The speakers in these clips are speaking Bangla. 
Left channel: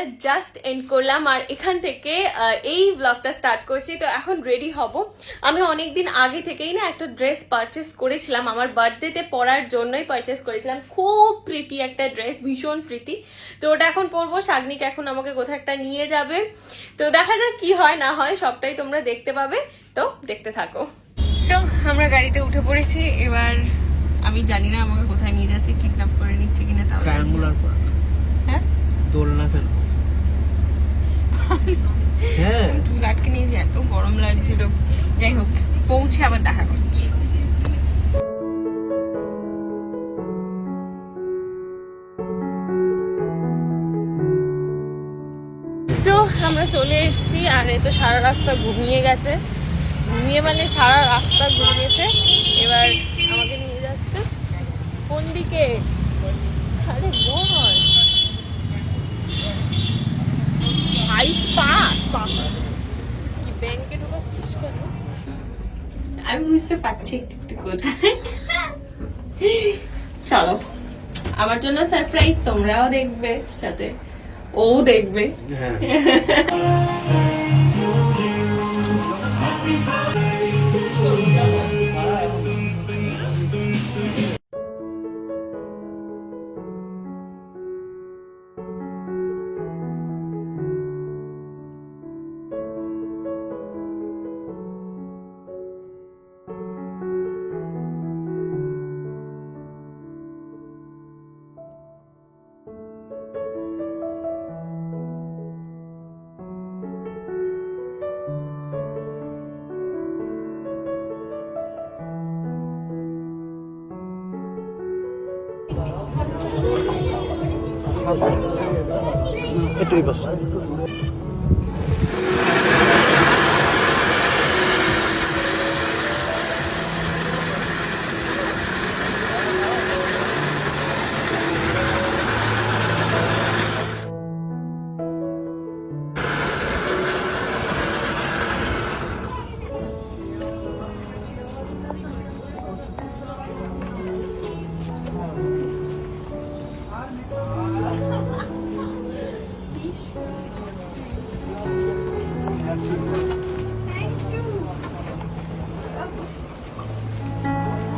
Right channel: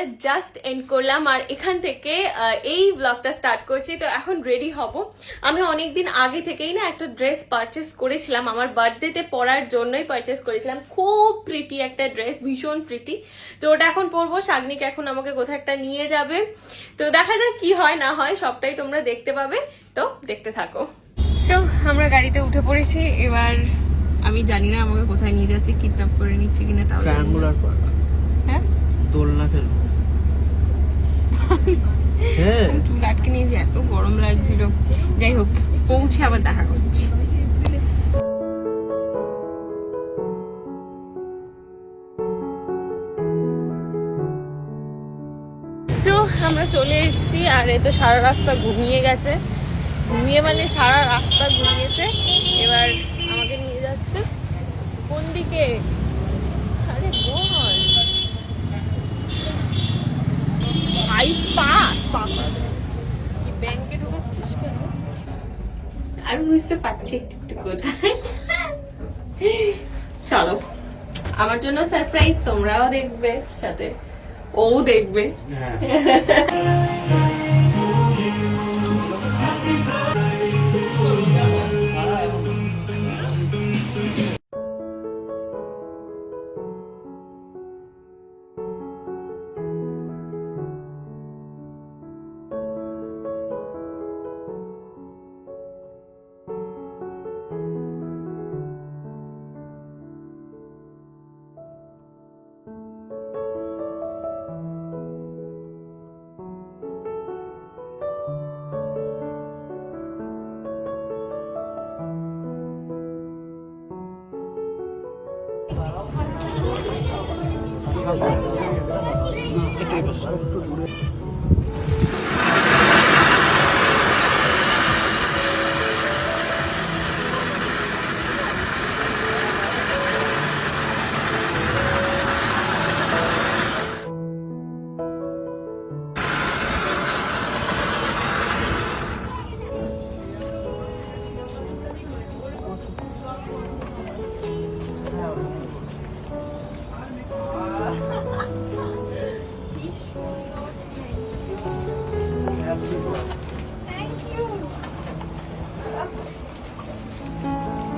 ব্লগটা জাস্ট এন্ড করলাম আর এখান থেকে এই ব্লগটা স্টার্ট করছি। তো এখন রেডি হব। আমি অনেকদিন আগে থেকেই না একটা ড্রেস পারচেস করেছিলাম, আমার বার্থডেতে পরার জন্যই পারচেস করেছিলাম। খুব প্রিটি একটা ড্রেস, ভীষণ প্রিটি। তো ওটা এখন পরবো। শাগনিক এখন আমাকে কোথাও একটা নিয়ে যাবে, তো দেখা যাক কি হয় না হয়, সবটাই তোমরা দেখতে পাবে। তো দেখতে থাকো। সো আমরা গাড়িতে উঠে পড়েছি। এবার আমি জানি না আমাকে কোথায় নিয়ে যাচ্ছে, কিডন্যাপ করে নিচ্ছে কিনা। তাও হ্যাঁ দোলনা খেলো। হ্যাঁ চুল আটকে নিয়েছি, এত গরম লাগছিল। যাই হোক, পৌঁছে আবার দেখা করছি। সো আমরা চলে এসেছি আর এই তো সারা রাস্তা ঘুমিয়ে গেছে। ঘুমিয়ে মানে সারা রাস্তা ঘুমিয়েছে। এবার আমাকে নিয়ে যাচ্ছে কোন দিকে? আরে বল ব্যাংকে ঢুকাচ্ছিস কেন? আমি বুঝতে পারছি একটু কোথায়। চলো, আমার জন্য সারপ্রাইজ, তোমরাও দেখবে, সাথে ও দেখবে। এটাই বস।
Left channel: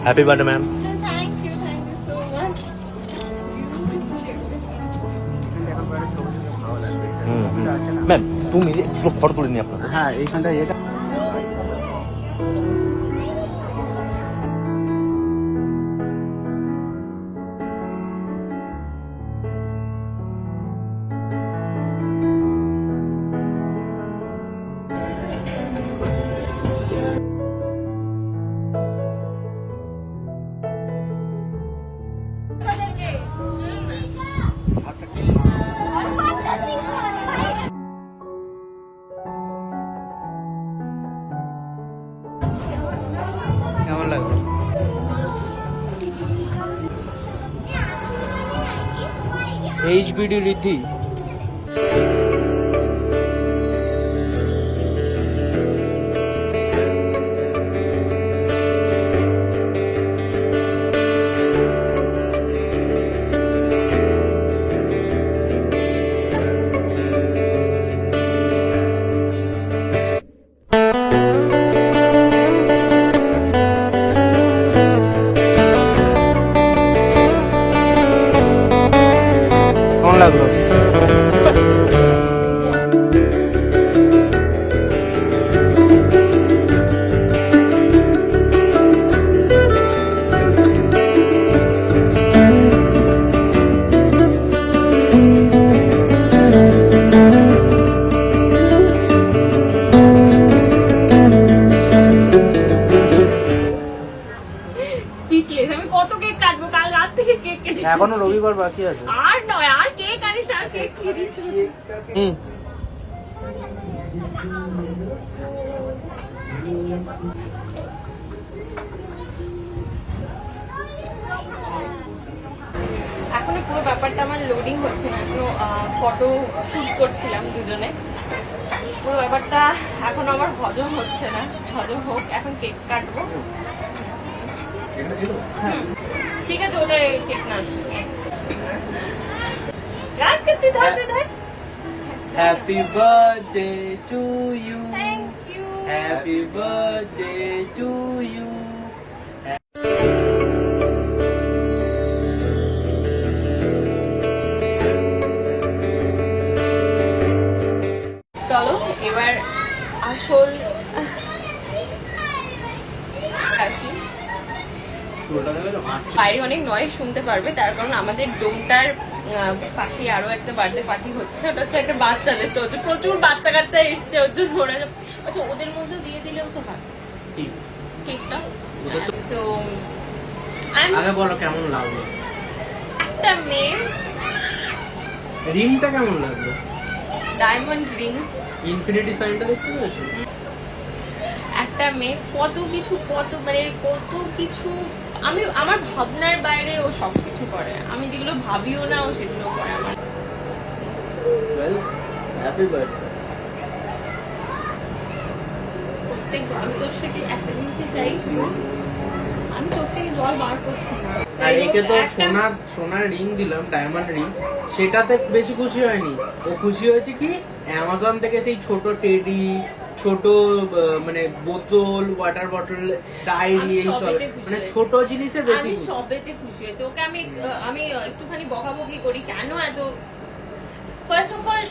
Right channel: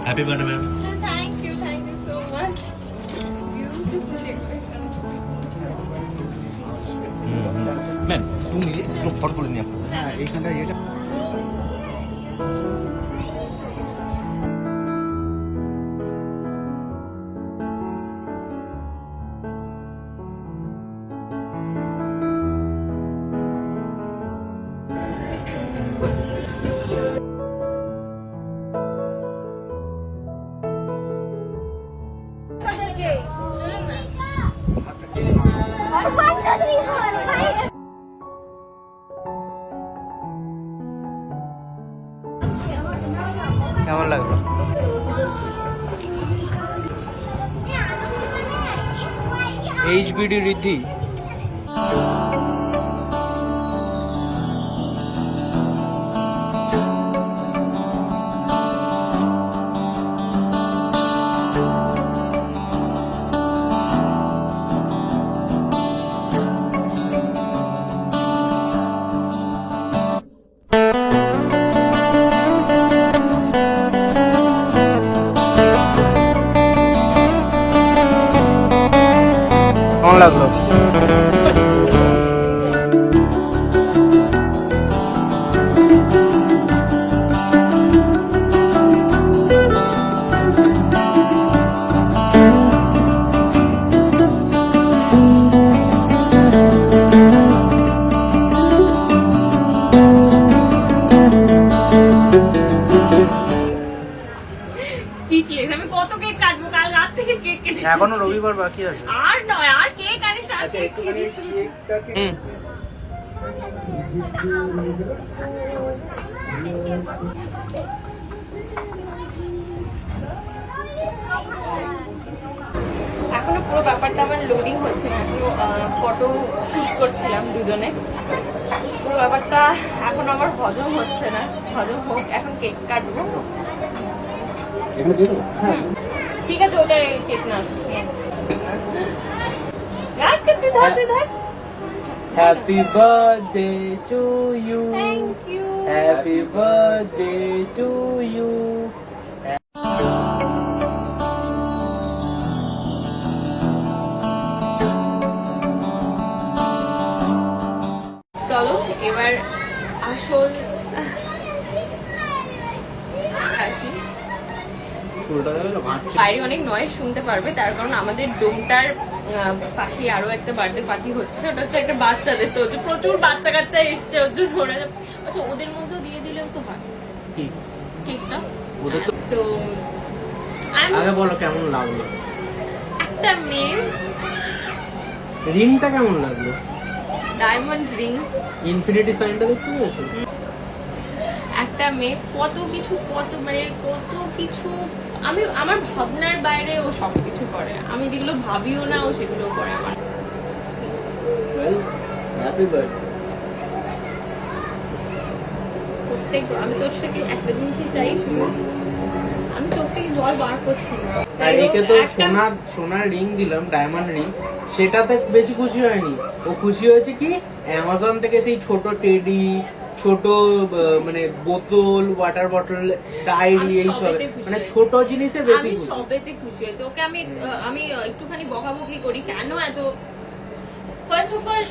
Happy birthday, ma'am. Thank you so much. Ma'am তুমি ফটো তুলে নিয়ে আপনার। হ্যাঁ এইখানটা এটা কেমন লাগলো? এইচবিডি রিদ্ধি কেমন লাগলো? আমি কত কেক কাটবো? কাল রাত থেকে কেক কেটে, এখনো রবিবার বাকি আছে। আর নয়, আর কেক আনিস, আর কেক খেয়ে দিচ্ছি। এখনো পুরো ব্যাপারটা আমার লোডিং হচ্ছে না, এখনো ফটো শুট করছিলাম দুজনে। পুরো ব্যাপারটা এখন আমার হজম হচ্ছে না, হজম হোক, এখন কেক কাটবো। ঠিক আছে, ওটা কেক না, ধর। Happy birthday to you, thank you. Happy birthday to you. চলো এবার আসল আসি। বাইরে অনেক নয়েজ শুনতে পারবে, তার কারণ আমাদের ডোমটার পাশেই আরো একটা বার্থডে পার্টি হচ্ছে। ওটা হচ্ছে একটা বাচ্চাদের, তো ওদের প্রচুর বাচ্চা কাচ্চা এসছে, ওর জন্য ওরা আচ্ছা ওদের মধ্যেও দিয়ে দিলেও তো হয় কেকটা। সো আগে বলো কেমন লাগলো, একটা মেয়ে রিংটা কেমন লাগলো? ডায়মন্ড রিং, ইনফিনিটি সাইনটা দেখতে পেয়েছো? একটা মেয়ে কত কিছু কত কিছু আমি আমার ভাবনার বাইরে ও সবকিছু করে, আমি যেগুলো ভাবিও না ও সেগুলো করে আমার। Well happy birthday. প্রত্যেক আমি তোর থেকে একটা জিনিসই চাই, শুধু আমি চোখ থেকে জল বার করছি না। আর একে তো সোনার রিং দিলাম, ডায়মন্ড রিং, সেটাতে বেশি খুশি হয়নি। ও খুশি হয়েছে কি অ্যামাজন থেকে সেই ছোট টেডি, ছোট মানে বোতল, ওয়াটার বটল, ডায়েরি, আমি এইসব সবেতে খুশি মানে হয়েছি। ছোট জিনিসে বেশি আমি খুশি। সবেতে খুশি হয়েছে। ওকে আমি একটুখানি বকাবকি করি কেন এত। ফার্স্ট অফ অল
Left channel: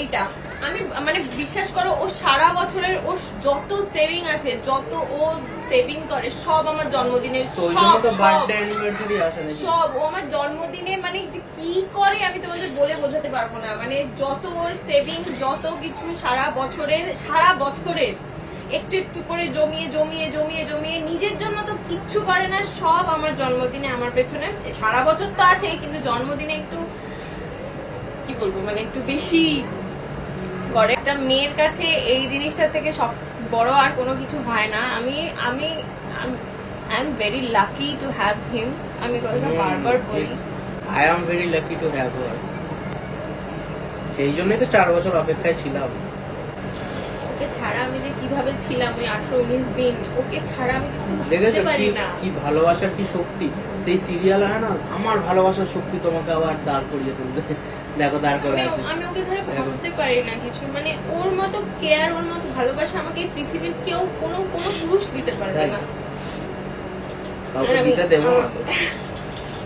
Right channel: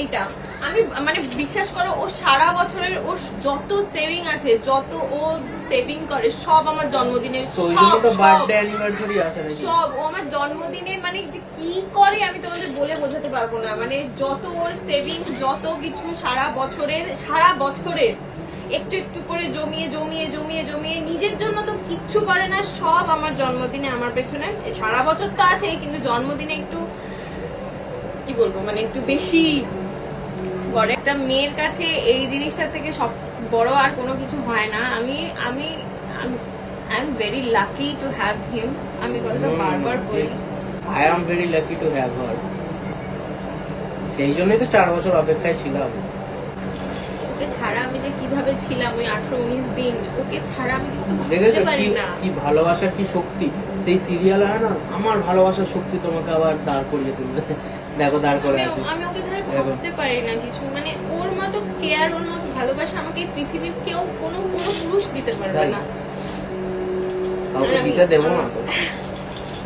এইটা আমি মানে বিশ্বাস করো, ও সারা বছরের ও যত সেভিং আছে, যত ও সেভিং করে সব আমার জন্মদিনে, তোর সব জন্য তো সব বার্থডে অ্যানিভার্সারি আসে নাকি? সব ও আমার জন্মদিনে মানে যে কি করে আমি তোমাদের বলে বোঝাতে পারবো না। মানে যত ওর সেভিং, যত কিছু সারা বছরের একটু একটু করে জমিয়ে জমিয়ে জমিয়ে জমিয়ে, নিজের জন্য তো কিচ্ছু করে না, সব আমার জন্মদিনে আমার পেছনে। সারা বছর তো আছে, কিন্তু জন্মদিনে একটু কি বলবো মানে একটু বেশি করে। একটা মেয়ের কাছে এই জিনিসটা থেকে সব বড় আর কোনো কিছু হয় না। আমি আমি I am very lucky to have হিম। আমি কথাটা বারবার বলছি। I am very lucky to have হার। সেই জন্যই তো 4 বছর অপেক্ষায় ছিলাম। ওকে ছাড়া আমি যে কিভাবে ছিলাম ওই 18-19 দিন, ওকে ছাড়া আমি কিছু ভাবতে দেখেছো পারি না। কি ভালোবাসার কি শক্তি। সেই সিরিয়াল হয় না, আমার ভালোবাসার শক্তি তোমাকে আবার দাঁড় করিয়ে তুলবে। দেখো দাঁড় করে আছে। আমি ওকে ধরে ভাবতে পারি না কিছু, মানে ওর মতো কেয়ার, ওর মতো ভালোবাসা আমাকে এই পৃথিবীর কেউ কোনো পুরুষ দিতে পারবে না। কাউকে দিতে দেবো না তো।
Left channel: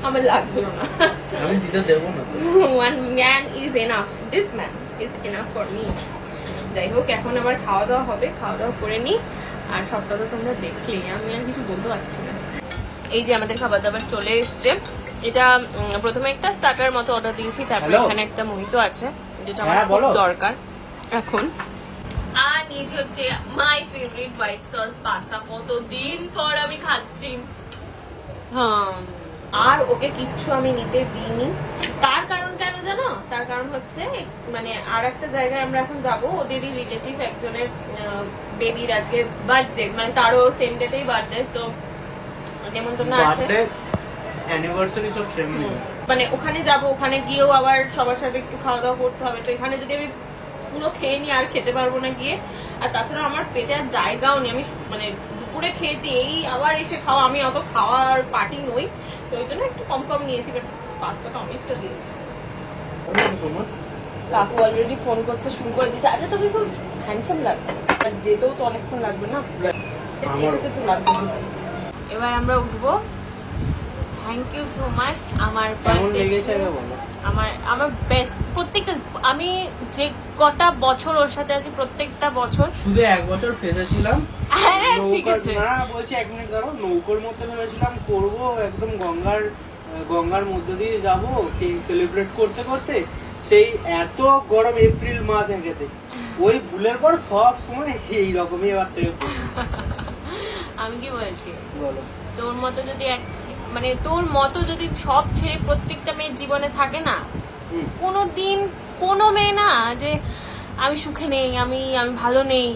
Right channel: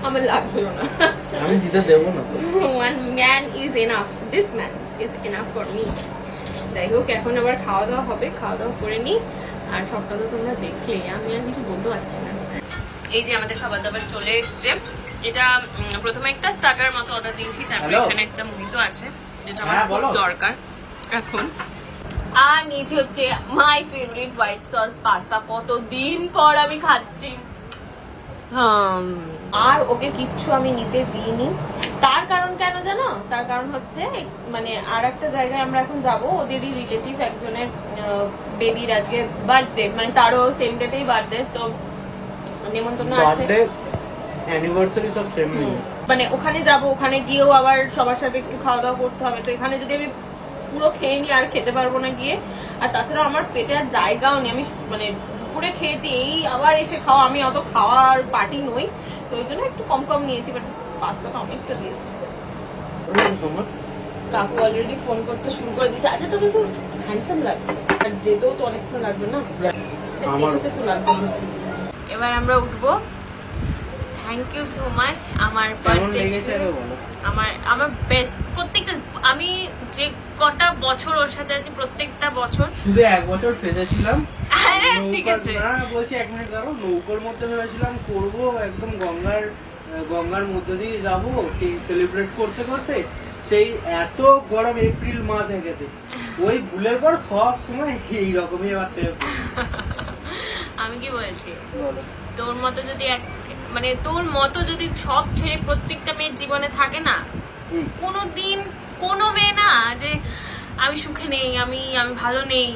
আমার লাগবেও না। আমি দিতে দেবো না তো। One man is enough. This man is enough for me. যাই হোক, এখন আবার খাওয়া দাওয়া হবে, খাওয়া দাওয়া করে নি। আর সবটা তো তোমরা দেখলেই, আমি আর কিছু বলতে পারছি না। এই যে আমাদের খাবার দাবার চলে এসছে। এটা প্রথমে একটা স্টার্টার মতো অর্ডার দিয়েছি, তারপরে এখানে একটা মোহিতো আছে, যেটা আমার খুব দরকার এখন। আর নিয়েছি হচ্ছে my favourite white sauce pasta, কতদিন পর আমি খাচ্ছি। আর ওকে কিচ্ছু আমি নিতে দিইনি। তার কারণ কেন জানো? তার কারণ হচ্ছে মানে আর একটা জায়গায় আমরা এখন যাব, ওদেরই রিলেটিভ একজনের বেবির আজকে বার্থডে, মানে তারও সেম ডেটেই বার্থডে, তো নেমন্তন্ন আছে। অ্যানিভার্সারি সব সেম। মানে ওখানে যাব, ওখানে গিয়েও আবার সবার সাথে একটু খাওয়া দাওয়া করতে হবে। তো এখানে যদি আমি পুরো খেয়ে নিই আর খেতে পারবো না গিয়ে। আর তাছাড়া আমার পেটে আর জায়গাও নেই, আমি মানে দুপুরে খেয়েছি, এই আবার এসে খাওয়া, আমি অত খাওয়ার পার্টি নই, তো ওই জন্য একটু কম কম নিয়েছি। বাট পাস্তাটা অনেকটা দিয়েছি। কাকু অলরেডি ফোন করতে শুরু করে দিয়েছে। আচ্ছা তুমি খুব হ্যান্ডসাম লাগছে, আর যেতেও তো অনেকক্ষণ লাগবে না, একটু লাগবে। এবার আমরা উঠবো। Thank you so much. আমার কেমন লেগেছে আগে বলো। আমার বেস্ট। প্রত্যেকটা আমি যে কটা বছর ওর সাথে আছি, প্রত্যেকটা বছর শুধু 1 বছর ফেসেছিলাম। হ্যাঁ, ঠিক আছে। না বলছি 1 মিনিট দাঁড়াও। নৌকোর মধ্যে ভেবেছিলাম করবো একদম গঙ্গার মধ্যে দিয়ে যাবো কেক সেলিব্রেট করতে করতে। সেই এত গরম এপ্রিল মাস একেতে, ওই ভুলের পর সব সময় এইরকমই এবার থেকে। আমি কি বলছি, বলো। তোর মতো যদি সব ছেলে প্রত্যেকটা মেয়ের জীবনে থাকে না, কোনোদিন কোনো মেয়ে না যে আমি সুখে নেই, আমি ভালো নেই,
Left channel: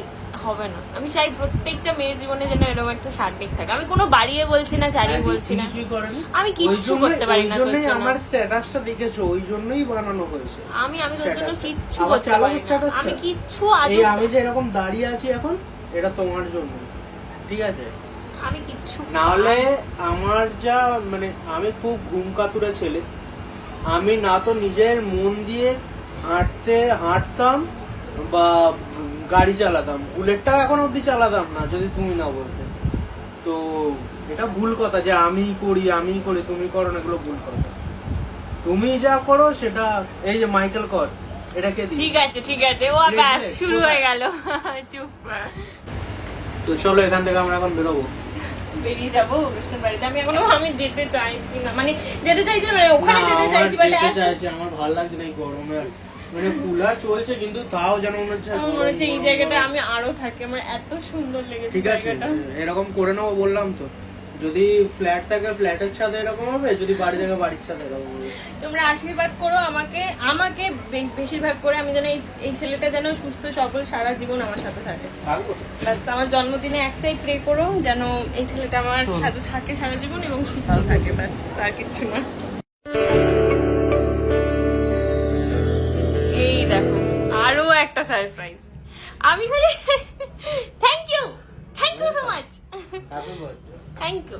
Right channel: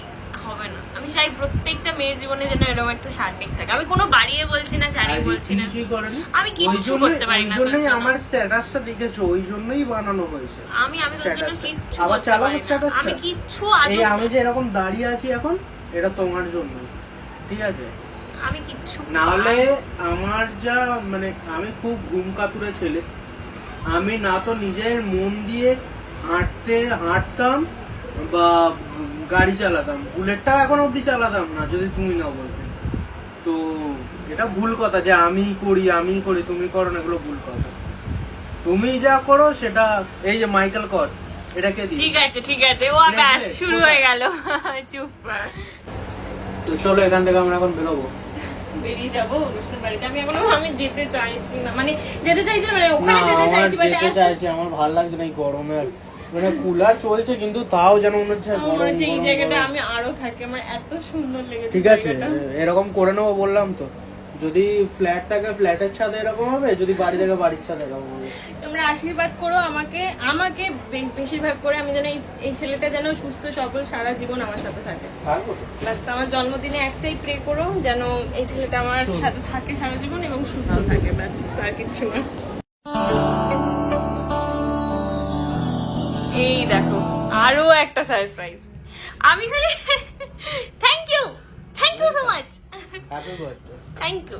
হবে না। আমি চাই প্রত্যেকটা মেয়ের জীবনে যেন এরকম একটা শারমিক থাকে। আমি কোনো বাড়িয়ে বলছি না, ছাড়িয়ে বলছি না, আমি কিচ্ছু করতে পারি না তোর জন্য। আমার স্ট্যাটাসটা দেখেছো, ওই জন্যই বানানো হয়েছে। আমি তোর জন্য কিচ্ছু আবার করতে চালাবো পারি না। স্ট্যাটাসটা। আমি কিচ্ছু এই আমি যে এরকম দাঁড়িয়ে আছি এখন, এটা তোমার জন্য, ঠিক আছে? আমি কিচ্ছু নাহলে আমার যা মানে আমি খুব ঘুম কাতুরে ছেলে। আমি না তো নিজের মন দিয়ে হাঁটতাম বা গাড়ি চালাতাম, বুলেটটা এখন অব্দি চালাতাম না যদি তুমি না বলতে। তো এটা ভুল কথা যে আমি করি তুমি করো না, এগুলো ভুল কথা। তুমি যা করো সেটা, এই যে মাইকেল কর, এটাকে দিই। ঠিক আছে ও ব্যাস শুরু হয়ে গেল। চুপ। তো চলো এখান থেকে আমরা এখন বেরোবো, বেরিয়ে যাবো অনুষ্ঠান বাড়িতে। আমি যেতে চাইছি না, মানে যেতে চাইছি মানে ওখানে যেতে চাইছি, বাট যেতে চাইছি, আমার ভালো লাগছে না এই গরমে। মানে কুলার চলছে কিন্তু তাও যেন মনে হচ্ছে আমার মনে হচ্ছে এই জায়গাটা আমি আরো থাকি, আমার এত সুন্দর লেগেছে। ঠিক আছে এরকম করে নেবো বললাম তো। যদি ফ্ল্যাট থাকে ফ্ল্যাটের ছাদে এরকম হবে, যদি বাড়ি থাকে বাড়ির ছাদে এরকম হবে। তোমরা আশীর্বাদ করো আমাকে বেশিরভাগ করে, আমি যেন এই ছেলেটা যেন সুস্থ সবল সারা জীবন আমার সাথে থাকে। ব্যাস আমার জন্মদিনে একটাই প্রে করো যেন এই ছেলেটা আমার সাথে থাকে সারা জীবন এবং সুস্থ থাকে, ব্যাস আর কিছু না। এই দেখো আরো একটা সারপ্রাইজ। আমি খালি thank you so much, thank you.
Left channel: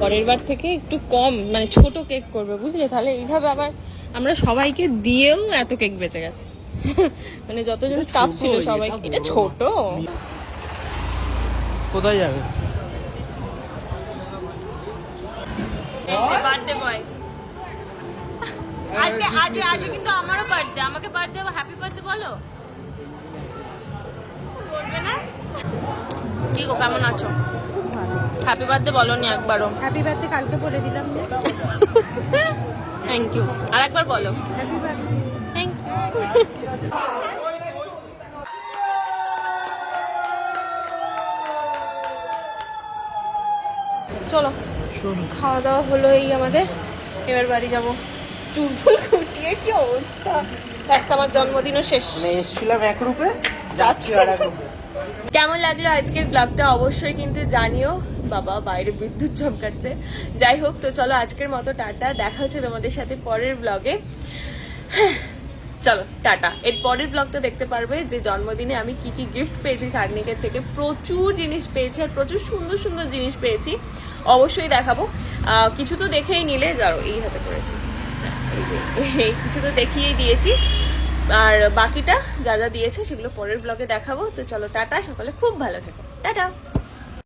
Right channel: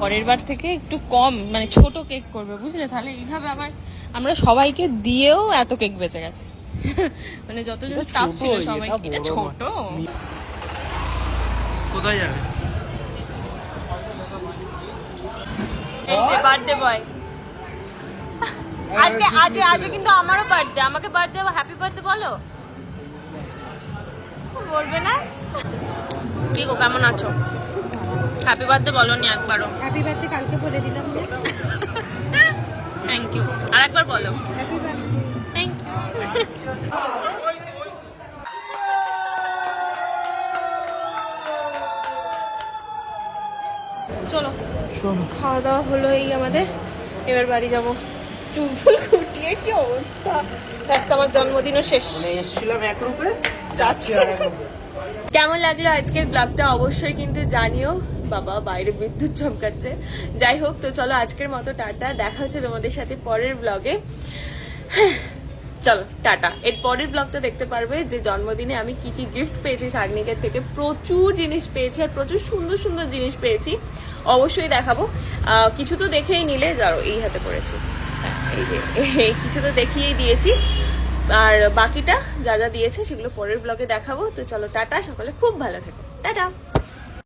পরের বার থেকে একটু কম মানে ছোট কেক করবে, বুঝলে? তাহলে এইভাবে আবার আমরা সবাইকে দিয়েও এত কেক বেঁচে গেছে। মানে যতজন স্টাফ ছিল সবাই। এটা ছোট। কোথায় যাবে? Birthday boy. আজ কিন্তু আমারও বার্থডে, আমাকে বার্থডে হ্যাপি বার্থডে বলো। বলবে না? কি গো কেমন আছো? হ্যাপি বার্থডে বলো নি একবারও। হ্যাপি বার্থডে কালকে বলে দিলাম না। থ্যাংক ইউ, আর একবার বলো হ্যাপি বার্থডে। Thank you. চলো খাওয়া দাওয়া হলো এই আমাদের, এবার বাড়ি যাবো। চুল ফুল ফুটিয়ে কি অবস্থা, ব্যাস আমার জন্মদিনও শেষ। এসেছিলাম 1 রুপে, যাচ্ছি আর 1 রুপে। কেমন লাগলো আজকের ব্লগটা অবশ্যই কিন্তু জানিও। বাবা বাইরে বিদ্যুৎ চমকাচ্ছে। যাই হোক, তো চলো আজকের মতো টাটা, দেখা হচ্ছে তোমাদের সাথে পরের ব্লগে। চলো টাটা। এর পরের ব্লগটা দেখতে পারবে যে জন্মদিনে আমি কি কি গিফট পেয়েছি শারমিনের থেকে। প্রচুর জিনিস পেয়েছি আর প্রচুর সুন্দর সুন্দর জিনিস পেয়েছি, অবশ্যই দেখাবো। কিছু তো দেখেই নিলে, যাও এই হাতে পড়েছি, এই কিছু তো দেখিয়েই দিয়েছি, আর বাকিটা যা যা দিয়েছে সেগুলো পরের ব্লগে দেখাবো। তো চলো টাটা, সকালে খুব ভালো থেকো, টাটা।